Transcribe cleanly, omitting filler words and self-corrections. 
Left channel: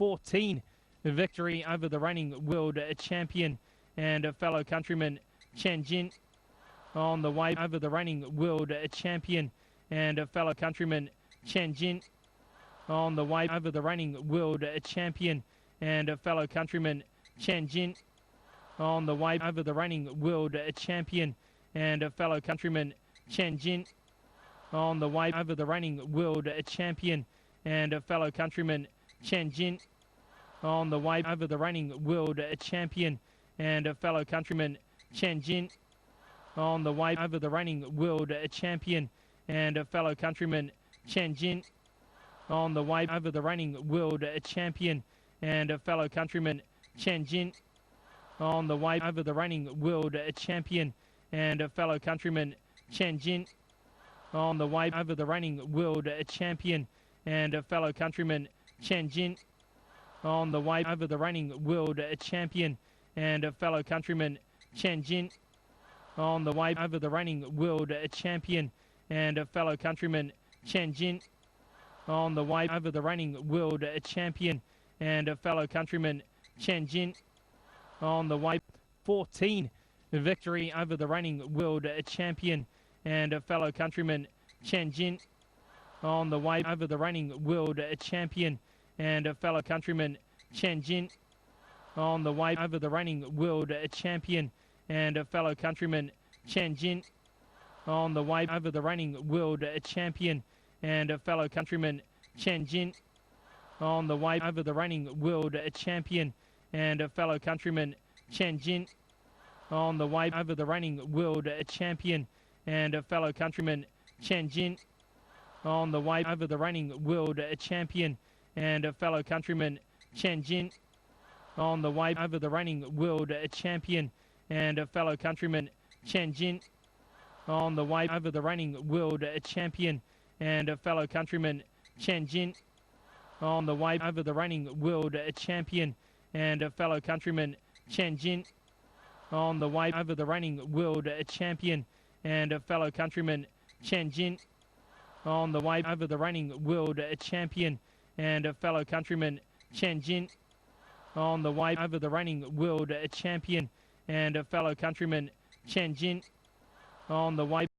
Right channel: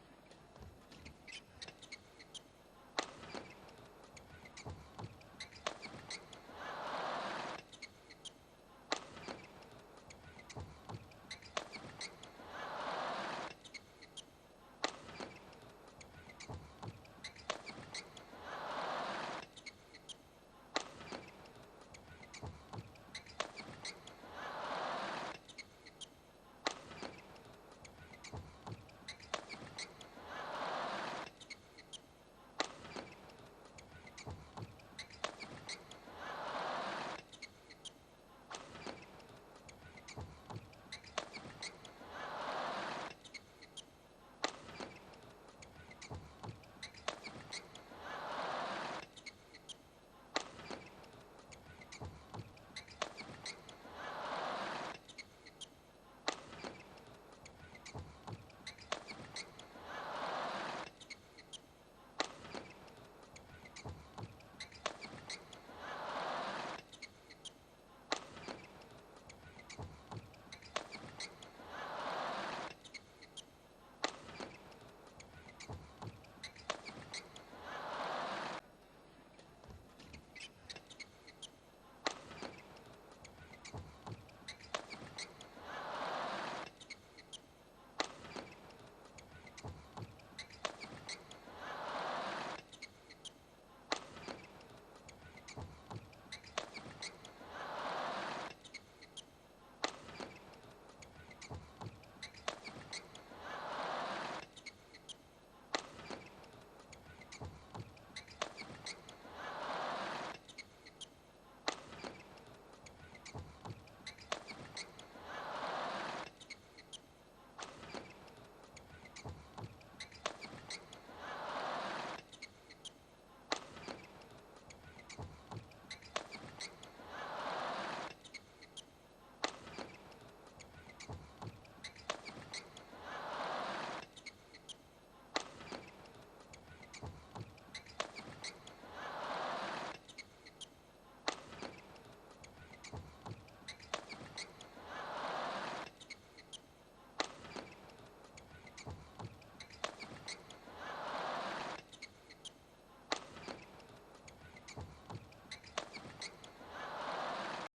14, the victory over the reigning world champion and a fellow countryman Chen Jin on the way over the reigning world champion and a fellow countryman Chen Jin on the way over the reigning world champion and a fellow countryman Chen Jin on the way over the reigning world champion and a fellow countryman Chen Jin on the way over the reigning world champion and a fellow countryman Chen Jin on the way over the reigning world champion and a fellow countryman Chen Jin on the way over the reigning world champion and a fellow countryman Chen Jin on the way over the reigning world champion and a fellow countryman Chen Jin on the way over the reigning world champion and a fellow countryman Chen Jin on the way over the reigning world champion and a fellow countryman Chen Jin on the way over the reigning world champion and a fellow countryman Chen Jin on the way over the reigning world champion and a fellow countryman Chen Jin on the way over the reigning world champion and a fellow countryman Chen Jin on the way 14, the victory over the reigning world champion and a fellow countryman Chen Jin on the way over the reigning world champion and a fellow countryman Chen Jin on the way over the reigning world champion and a fellow countryman Chen Jin on the way over the reigning world champion and a fellow countryman Chen Jin on the way over the reigning world champion and a fellow countryman Chen Jin on the way over the reigning world champion and a fellow countryman Chen Jin on the way over the reigning world champion and a fellow countryman Chen Jin on the way over the reigning world champion and a fellow countryman Chen Jin on the way over the reigning world champion and a fellow countryman Chen Jin on the way over the reigning world champion and a fellow countryman Chen Jin on the way over the reigning world champion and a fellow countryman Chen Jin on the way over the reigning world champion and a fellow countryman Chen Jin on the way over the reigning world champion and a fellow countryman Chen Jin on the way